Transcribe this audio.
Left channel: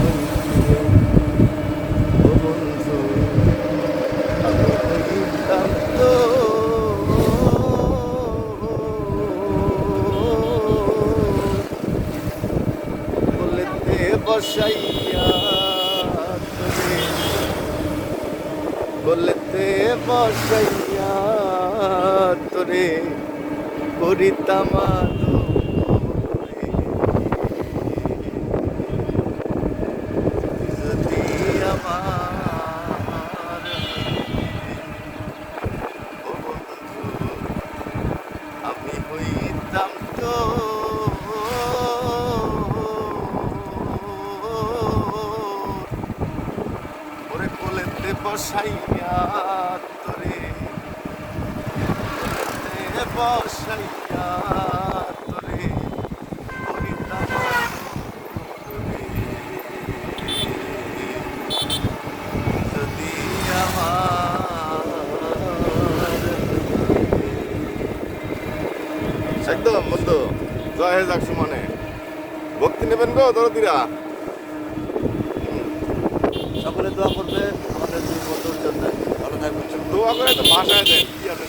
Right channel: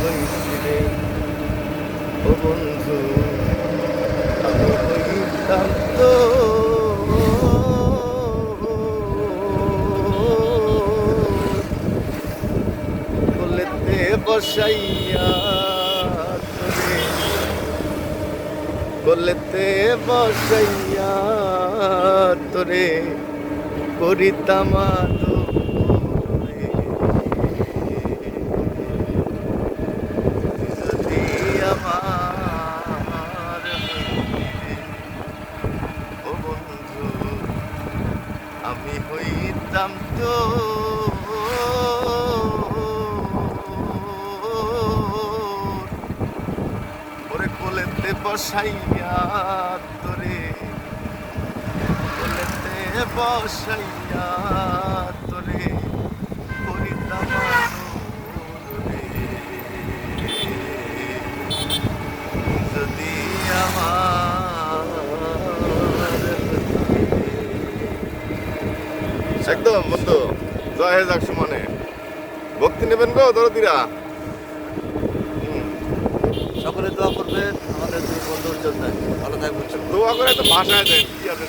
হইছিলে ও বন্ধু, আমি হইতাম তো কোলেতে বসাইয়া তোরে, কোলেতে বসাইয়া তোরে করিতাম আদর রে। তুই যদি আমার হইতে ও বন্ধু, আমি হইতাম তো ওরে কোলেতে বসাইয়া তোরে, কোলেতে বসাইয়া তোরে করিতাম আদর রে। যদি আমার একদম বন্ধু জয় হে যাক সুমনে ভক্তি নেবেন গো দরদিরা। সকলে দোয়া করবে আমাদের দুই বন্ধুর জন্য। ভালো থাকবেন। দোয়া করে একটা ভাষায় দেন কি আছে